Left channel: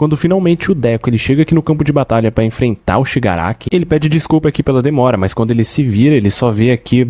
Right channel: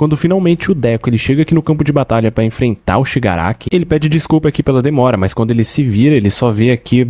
Quando finalmente o Deku ele chega aqui no campo de batalha para enfrentar o Shigaraki, ele pede desculpa aqui pela demora, mas quando ele se vira, ele só vê aqui,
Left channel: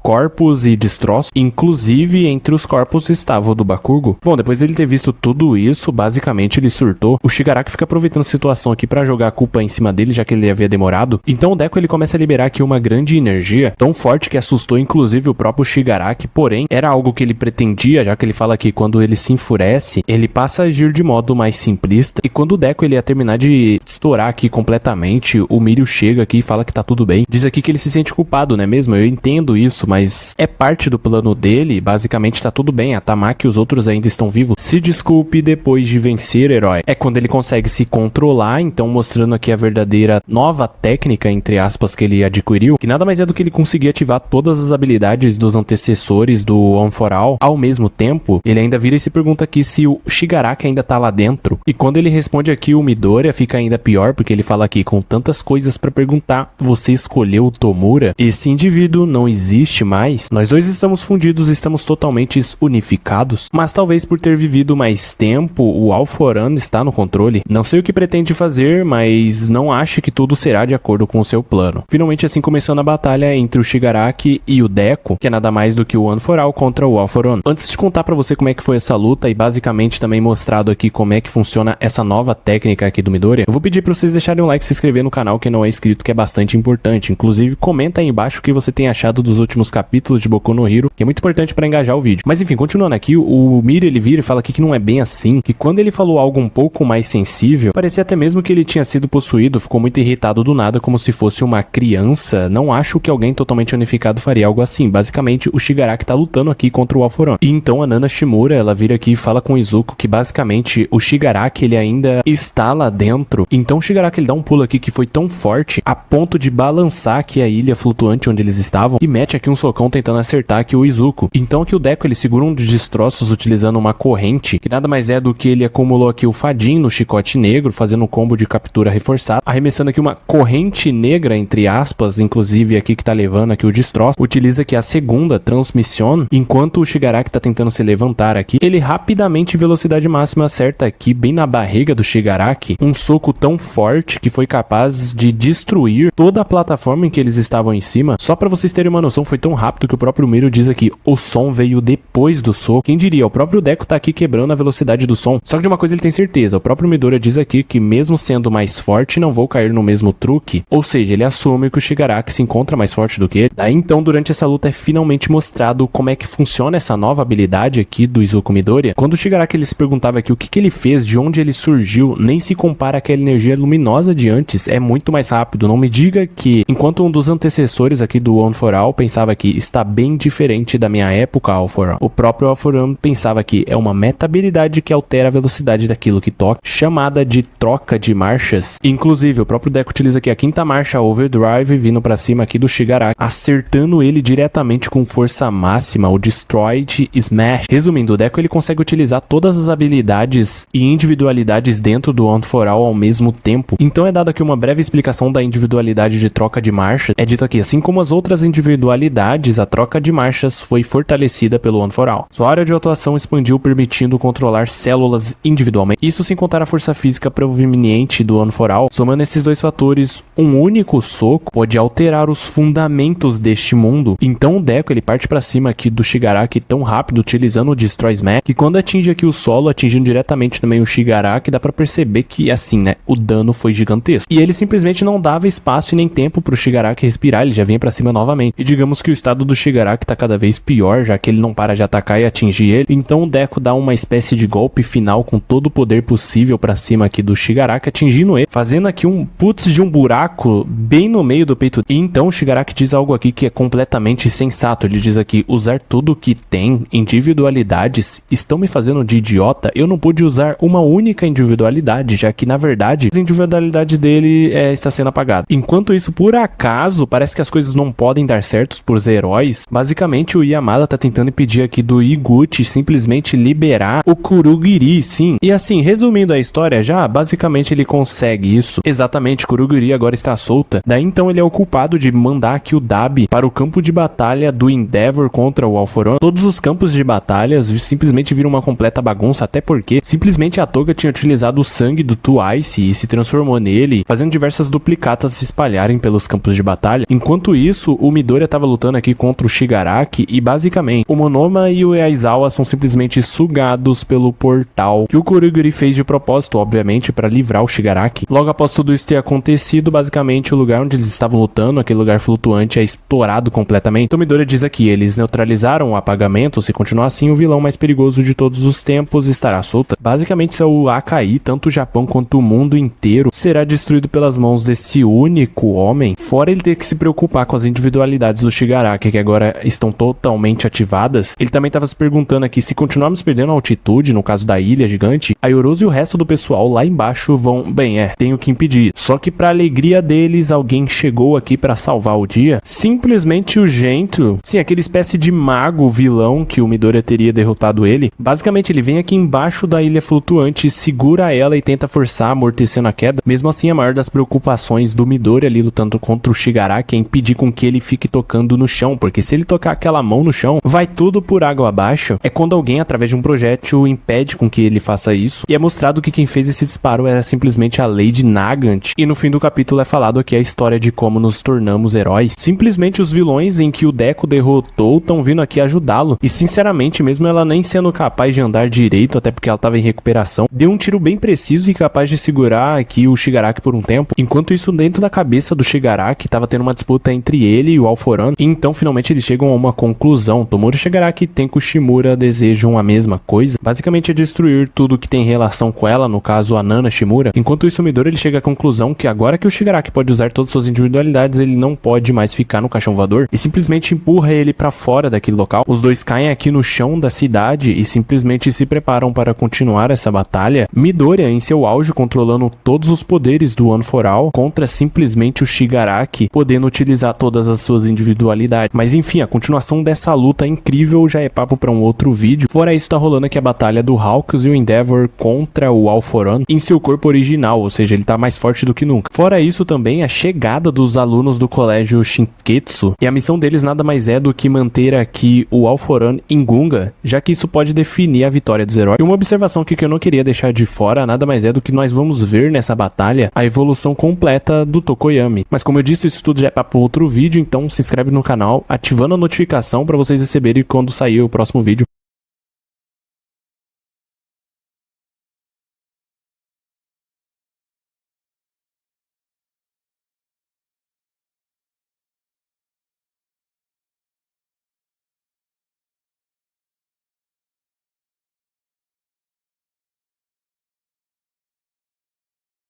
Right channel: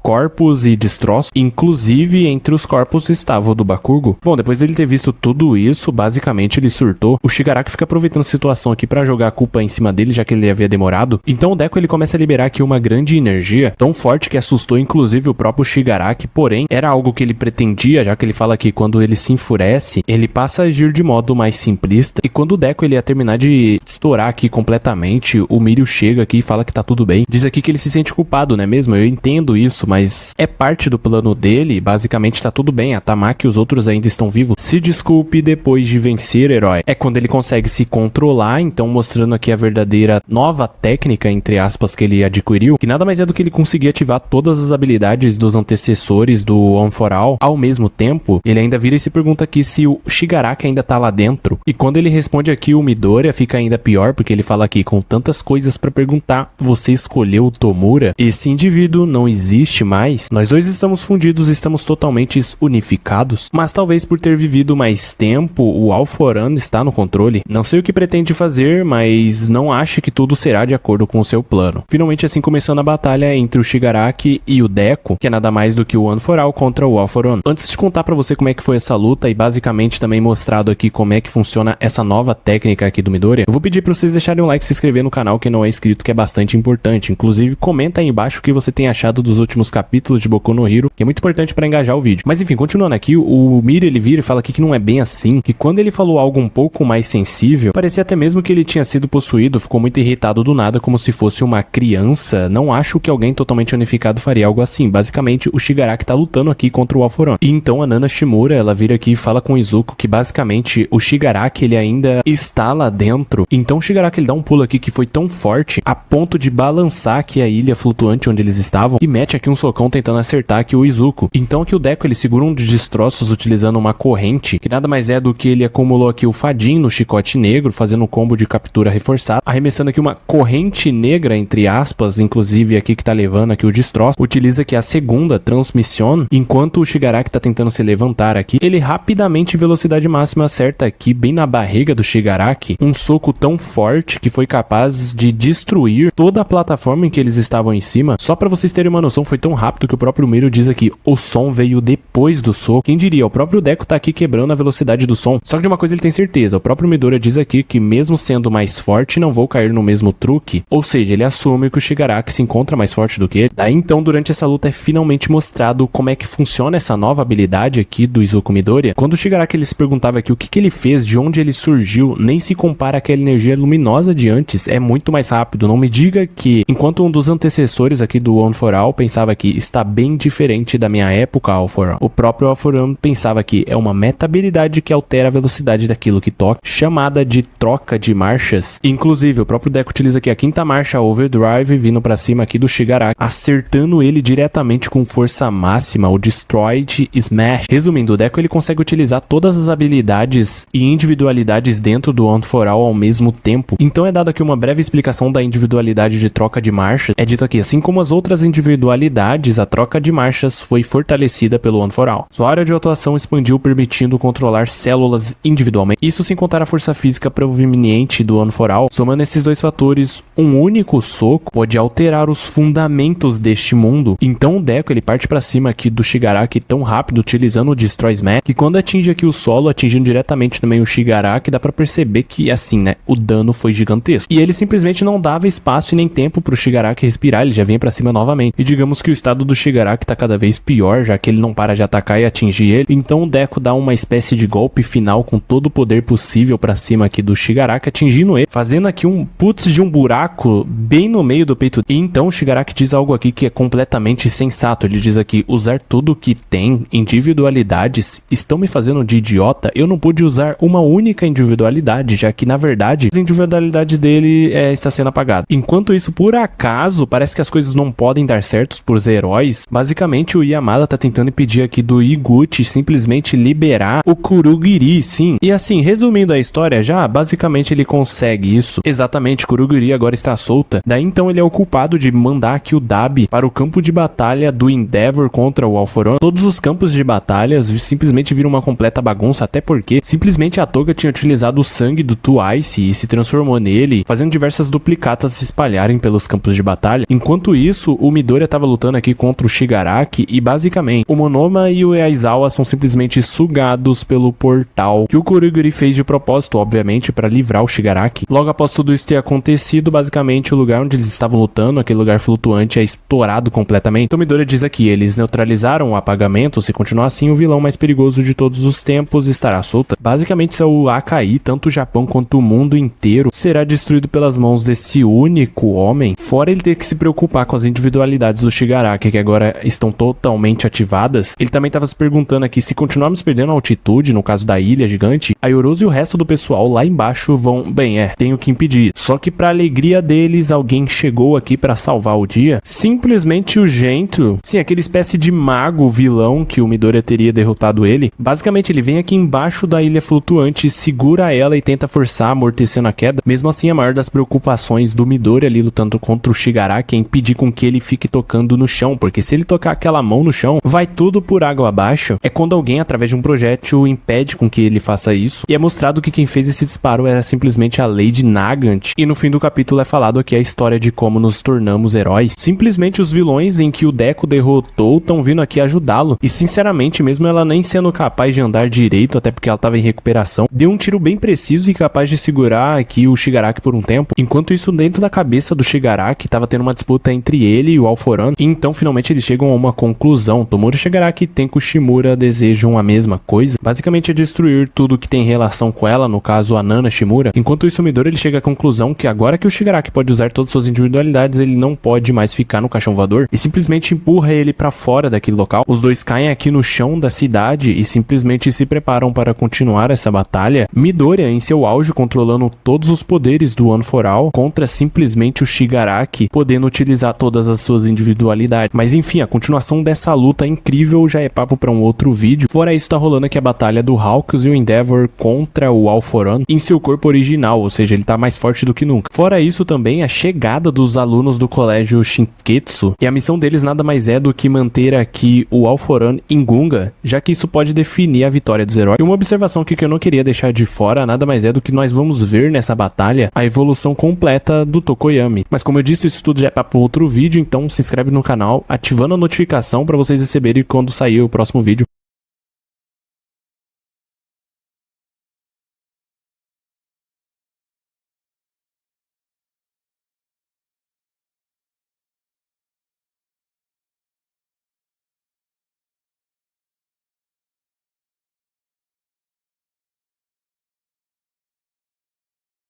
corpos e destroços, inclusive entre os corpos estava o do Bakugo. Bom, depois dele ter visto tudo isso, basicamente ele surtou. O Shigaraki fica aproveitando a situação aqui pra jogar a culpa em cima dele, já que ele havia demorado. Então o Deku ele começa a liberar aqui uma grande energia, tão forte que assustou inclusive o próprio Shigaraki, porém era algo que ele pretendia, já que ele fala que quando ele se enfurece, ele passa a agir de modo mais simplista, e quando o Deku ele ia terminar de estourar aqui completamente, o Mirio chega aqui e fala que tá tudo bem. Diz aqui que ele se sente culpado, não é mesmo? Eu entendo isso, mas é parte do plano dele, basicamente tá tudo bem, a Tamaki e os outros ainda estão vivos. Se desculpe depois de vencer, herói. É quando ele consegue se controlar, então mostrando aqui a verdadeira nova técnica, entre aspas, que ele adquiriu, que nada mais é do que ele conseguir ativar todas as habilidades dos antecessores do One for All ao mesmo tempo. Ele ainda vira e se pergunta aqui se o Shigaraki ainda tá lá dentro, e quando ele responde aqui o Midoriya fica ainda pior, porque ele fala aqui com tantas coisas pra perguntar, você escolheu o Tomura? Esse indivíduo não existe mais, nós dois estamos fundidos, estamos totalmente unificados, mas talvez por ter vivido mais tempo, o All For One está no controle. Não sei o que pretende fazer, mas não acho que tudo será de acordo com o seu plano. Finalmente assim começando a batalha entre o Shigaraki e o Deku, que é nada mais do que o One For All contra o All For One. Antes de contar pra você como é que foi essa luta e basicamente também mostrado aqui como é que funciona essa nova técnica aqui do Midoriya, eu vou pedir pra vocês deixarem um like e se inscrever no canal que não é inscrito, que é bastante importante. Inclusive comenta aí embaixo o que você tem achado dos últimos capítulos de Boku no Hero, que é muito importante pra engajar o vídeo. Mas enfim, continuando aqui, o Mirio ele vira e fala aqui que não é bem assim, que quando ele falou algo um pouco mais sensível, parecia até mesmo que ele tinha sido possuído, ficou muito irritado do nada, como se fosse uma criança. Não acho que alguém totalmente unificado faria algo assim. Basicamente, o Shigaraki tá lutando aqui contra o All For One. E então a Nana Shimura, ela vira aqui e fala com o Izuku que basicamente o Shigaraki ele ainda está lá dentro. Então o Shigaraki ele dá um pulo aqui que foi tão forte a ponto de balançar aqui a ilha flutuante onde eles estavam e mete aqui um socão tentando acertar aqui o Izuku. Então aqui o Deku ele segura um dos destroços utilizando uma corrente, que nada mais é do que ele acumulou aqui o Fadin no chicote negro, fazendo um combo de captura reforçado, arremessando aqui uma corrente negra, entre aspas, inclusive aqui que tá levando aqui o destroço, utiliza aqui a segunda transmissão, enquanto o Shigaraki tá tentando se levantar aqui, ele rapidamente em velocidade máxima acerta aqui bem na barriga do Shigaraki, um soco tão forte que foi capaz de destruir toda a plataforma em que eles estavam em cima. Só pra vocês terem uma noção, foi tão rápido que o próprio Mirio diz aqui, o som veio depois do soco. Quem diria, o próprio Deku tá aqui quebrando a velocidade do som. Só que de uma coisa ele tem certeza, o próprio Midoriya diz aqui que mesmo sendo mais forte, não vou cair no mesmo truque. Ou seja, ele assume que o Shigaraki se encontra mais forte do que ele. Daí então, durante essa luta é finalmente mostrado como é que funciona essa nova habilidade aqui do Izuku Midoriya. Quando o Shigaraki ele se perguntava aqui o que ele fez, de onde ele surgiu, nem se compara àquela energia luminosa de antes, é muito mais rápido. Não me diga que, enquanto um dos antecessores aqui do One For All pensava que está bem diferente da minha época All For All, o próprio All For One pensava que é uma meta-habilidade que altera a velocidade daquilo que toca, chamada de troca de marchas. Inclusive, o próprio Deku utiliza aqui a quinta marcha Overdrive, vindo pra cima aqui do Shigaraki, acertando ele diretamente com força máxima, o Destroyed Smash. Resumindo, o Deku ele consegue utilizar todas as habilidades e individualidades dentro do One For All ao mesmo tempo. Então é dado aqui uma breve explicação da individualidade de troca de marcha. É dito aqui, assim como as outras individualidades, a troca de marchas foi fortalecida pelo One For All. Sua área de atuação expandiu, permitindo controlar células individualmente. Isso sem contar a força física proveniente do One For All. Somando esses dois fatores, um único soco pode alterar os fundamentos deste mundo. Então o Deku ele parte pra cima aqui do Shigaraki tão rápido, utilizando o Destroy Smash, que quando atinge aqui o solo, atingindo diretamente também o Shigaraki, dá pra perceber que assim, né, o dano foi gigantesco. E ele simplesmente não dava espaço e nem tempo pro Shigaraki respirar, ele já vinha pra cima novamente. E digamos que o estado do Shigaraki tá cada vez pior, já que ele não para de atacar e atingir ele. Então o Deku dá uma espécie de golpe final com todo o poder possível pra cima aqui do Shigaraki, atingindo ele, fazendo aqui um putz de um buraco bem no meio do peito. E então o Shigaraki diz algo aqui que é completamente sensato. Ele diz aqui, usar tudo que tem, individualidades, estão me fazendo de idiota? Eu não pude usar uma única individualidade, já que na verdade a individualidade dele está sendo apagada. Enquanto isso, por acaso, parece que as coisas não podem dar certo os heróis, basicamente o Yamada tá tentando impedir aqui do Higuchi simplesmente liberar o Kurogiri, sim. E assim, resumindo a história já, basicamente ele consegue isso. Exatamente, Kurogiri agora está solta. Daí então ele é o culpado de mandar aqui o Dabi para o campo de batalha do Endeavor contra o All For One. Todos os campos de batalhas simplesmente viram uma completa bagunça, até porque simplesmente a Toga tinha utilizado o sangue do Twice e se transformou nele, fazendo diversas duplicatas se espalharem pelos campos de batalha. Enquanto isso, o Midoriya estava lutando aqui contra o Shigaraki e basicamente o Monoma e o Aizawa são simplesmente sugados pelo portal que o Kurogiri fez de propósito, obviamente, para livrar o Shigaraki. Logo após tudo isso ter acontecido, basicamente o lugar onde eles estavam lutando, aquele lugar flutuante, é estourado completamente. Então Midoriya diz aqui, eles neutralizaram o apagamento, se continuar assim o vilão mais perigoso de todos os tempos estará solta. Basicamente se o Akai, tanto o Japão quanto o mundo inteiro, será destruído pelas mãos desse único homem, fora ele ter que se preocupar com as individualidades do Shigaraki, que agora estão totalmente ativadas. Ele também estava se perguntando aqui, se continuarmos perdendo a altitude, no caso da ilha gigante, a Yorozu e o resto do pessoal lá embaixo vão... Bem, tenho que impedir. Só que pra alegria deles, alguém chegou aqui pra salvar o dia. Simplesmente o Gentoo, sim, aquele espécie de mago vilão que o Midoriya teria derrotado ele. Basicamente ele vem aqui embaixo da ilha flutuante, segura ela e tenta forçar, amortecendo a queda. Mesmo assim, a maior das preocupações do Midoriya ali lutando contra o Shigaraki é impedir com que ele fique tocando no chão, porque se ele tocar aquela mão no chão, vai tudo por água abaixo. É quando alguém, através de um projétil, impede com que ele faça isso. E é mostrado que quem fez esse disparo era simplesmente a Lady Nagant. E no fim do capítulo é falado que é a história de como nos tornamos heróis. Simplesmente os vilões em que o Deku derrotou estão vindo aqui ajudá-lo. E sinceramente, mesmo ela nem sendo capaz de andar direito, até porque ela estava em recuperação, deu um tiro bem preciso e capaz de segurar aqui o Shigaraki por um tempo. Enquanto isso, dentro da cabeça do Shigaraki, estava tendo uma disputa entre ele e o All For One. E então, finalmente, eles chegam a uma conclusão. Tomura Shigaraki e Tenko Shimura desejam a mesma coisa. Basicamente é destruir tudo que tem relação com ela, no caso a Nana Shimura. Enquanto isso, o Midoriya ele chega à conclusão que agora que o Shigaraki pode usar todas suas individualidades, ele não pode mais ficar no caixão voador e simplesmente empurra ele pra fora daquele local. Os dois caem aqui no chão da cidade e simplesmente se preparam para continuar essa batalha. Midoriya em seu auge, controlando todos os poderes do One For All contra simplesmente o Shigaraki, podendo utilizar todas as suas individualidades. Mas enfim, a continuação dessa luta incrível já é papo para um outro vídeo. Fora isso, tá rolando aqui a batalha do Hawks e o Endeavor contra o All For One em seu corpo original, ou seja, ele tá mais forte do que nunca. Fora isso também, a chegada dos alunos do colégio Shinketsu, e a missão deles nada mais é do que manter aqui o All For One em Gunga, já que isso pode definir a vitória dos heróis. E uma observação aqui que eu não queria deixar de fora, nada mais é do que nós vamos ver nessa batalha a evolução completa do Tokoyami. Mas como eu disse, isso tudo já é para outro vídeo, então se inscreve no canal, ativando a notificação para vocês receberem quando sair o próximo vídeo.